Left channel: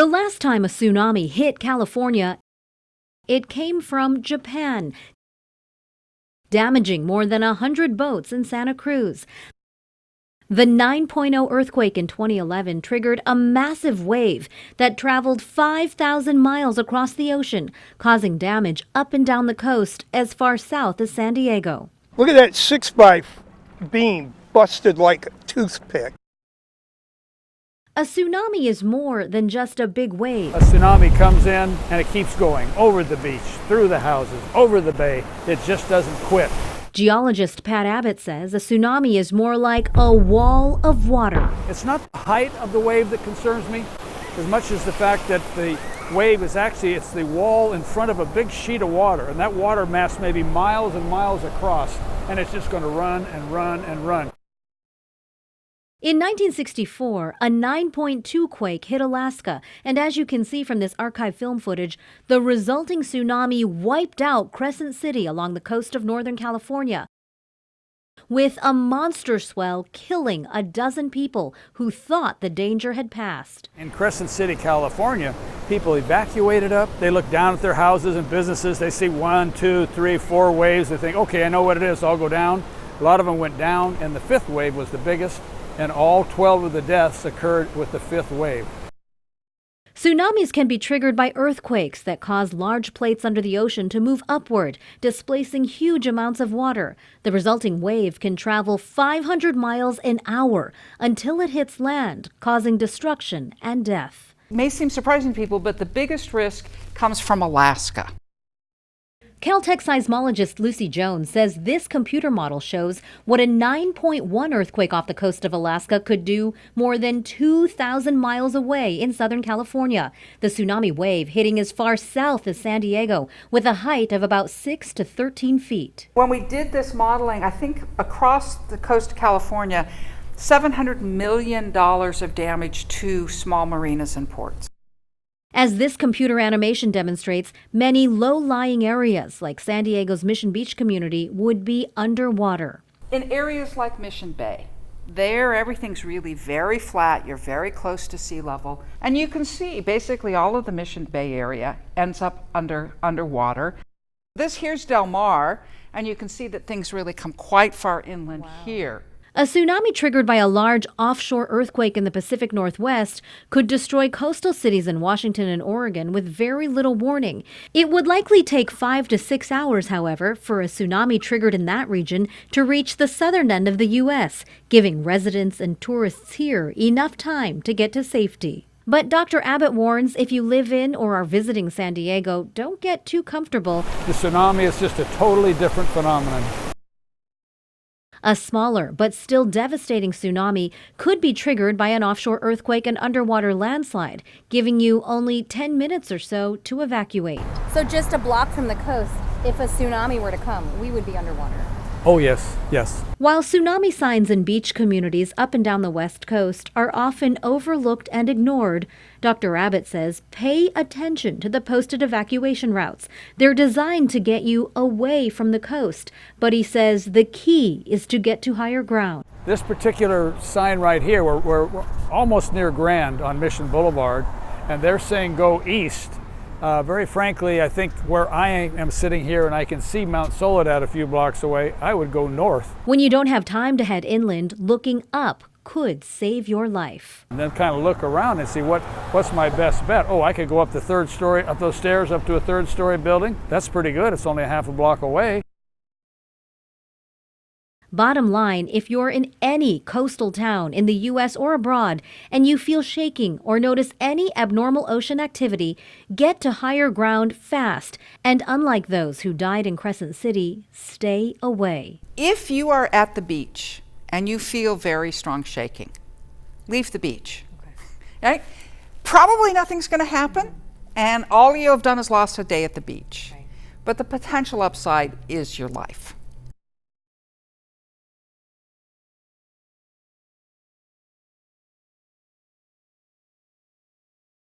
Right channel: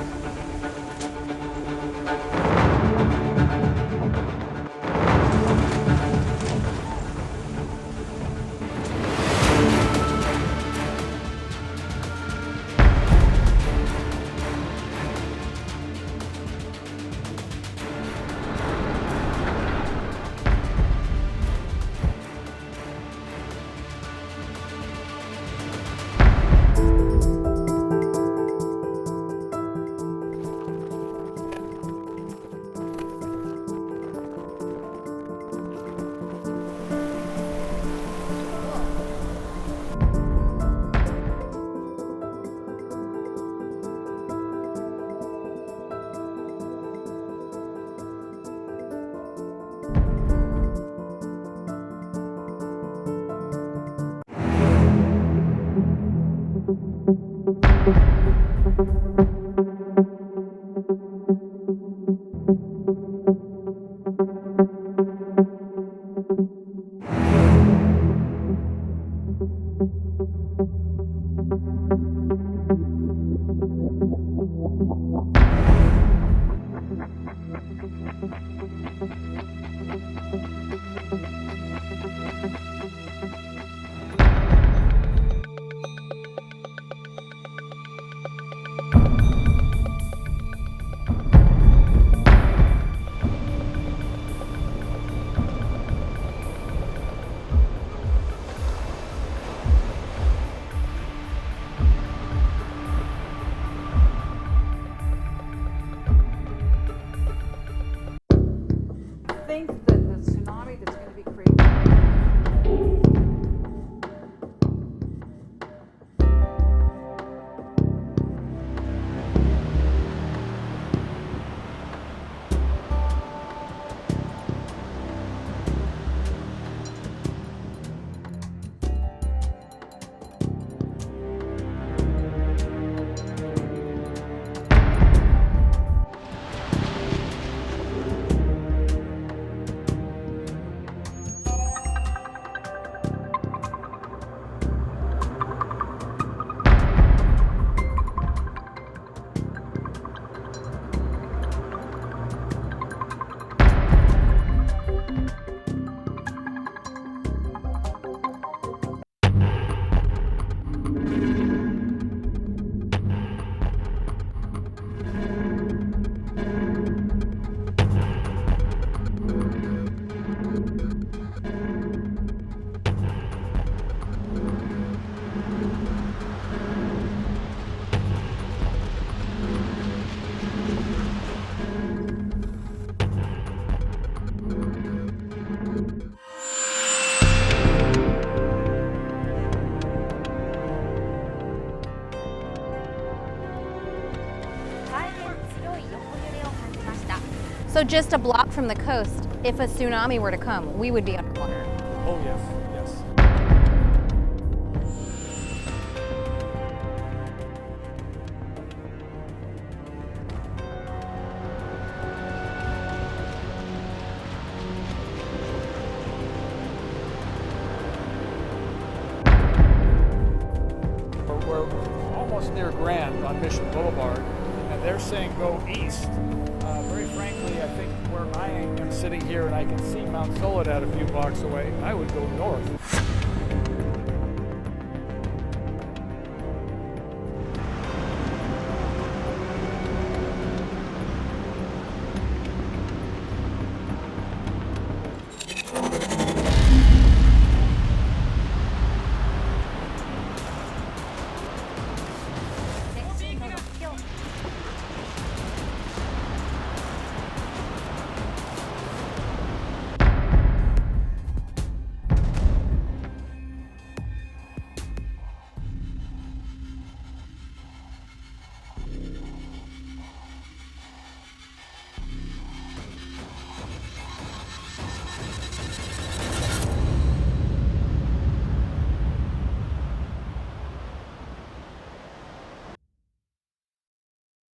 The last time a tsunami hit California, it came from Japan, damaging more than 100 boats in Santa Cruz. The 9.0 earthquake in 2011 triggered a massive wave that traveled 5,000 miles across the ocean, causing damage up and down the coast as far south as San Diego. Look at that 6x beam busted like a toothpick. A tsunami is more than just a big wave. A tsunami comes in and it keeps going over the beach, through the houses, over the bay. It just doesn't quit. Geologist Pat Abbott says a tsunami is more like a wall of water. It's not the height of the wave that concerns me as much as the fact that the wave is actually, it's the wall in front of a big sheet of water, and that water mass may be miles and miles across, and it's just going to run and run and run. In 1964, a 9.2 quake hit Alaska, and as you can see from this archive film footage, the resulting tsunami wiped out Crescent City along the coast of Northern California, with a monster swell killing a dozen people who thought the danger had passed. In Crescent City, California, people evacuated up. They look down at their houses and businesses. They see 1, 2, 3, 4 waves. They think, okay, I know what it is, I'll go down. A lot of them went down, and the 5th wave was the biggest, and all 12 of the deaths occurred with the 5th wave. Tsunamis can be triggered by earthquakes that cause large plates under the ocean to move upward, displacing huge amounts of water. The resulting wave can travel 500 miles an hour until it hits land, causing destruction and death. It may seem surprising to people, but the biggest risk comes from Alaska. Caltech seismologist Lucy Jones says this computer model shows what a 9.1 earthquake off the coast of Alaska could do more than 2,000 miles away in Southern California. The tsunami wave hitting as far south as San Diego with a height of about 6 to 13 feet. When we did this modeling, I think across the coast of California, $700 million of damage to small marinas and ports. As this computer animation demonstrates, many low-lying areas like San Diego's Mission Beach community would be underwater. In areas like Mission Bay, there everything's really very flat, you're very close to sea level, and you can see basically all of the Mission Bay area ends up underwater. This here's Del Mar, and you can see that things really come quite far inland here. A tsunami triggered by a large offshore earthquake in the Pacific Northwest could destroy coastal cities in Washington and Oregon with very little warning. It would likely take 5 to 6 hours, however, for a tsunami triggered in that region to reach the southern end of the U.S., giving residents and tourists here enough time to get to safety. But Dr. Abbott warns if you live in or are visiting San Diego, don't get too comfortable. The tsunami is just a totally different phenomenon. A smaller but still devastating tsunami could be triggered by an offshore earthquake and underwater landslide, giving you only 10 minutes or so to evacuate. So just a block from the coast, if a tsunami were to come, we would be underwater. Oh yes, yes. While tsunami signs in beach communities up and down the West Coast are often overlooked and ignored, Dr. Abbott says pay attention to the posted evacuation routes. They're designed to get you away from the coast. But he says the key is to get to higher ground. This particular sign right here, we're almost near Grand on Mission Boulevard, and they're saying go east. Very frankly, I think where I am sitting here and I can see Mount Soledad a few blocks away, I would go north. When you don't have time to head inland, looking up could save your life. And then kind of look around and see what's my best bet. Oh, I could go up the 3rd story, up those stairs, up to a 3rd story building. That's pretty good. It's only a half a block away. Bottom line, if you're in any coastal town in the U.S. or abroad and you feel shaking or notice any abnormal ocean activity, get to higher ground fast. And unlike those who died in Crescent City, stay away. If you are at the beach and you feel very strong shaking, leave the beach. Right? Probably nothing's going to happen, and all you have done is lost a day at the beach. But the potential upside is your life.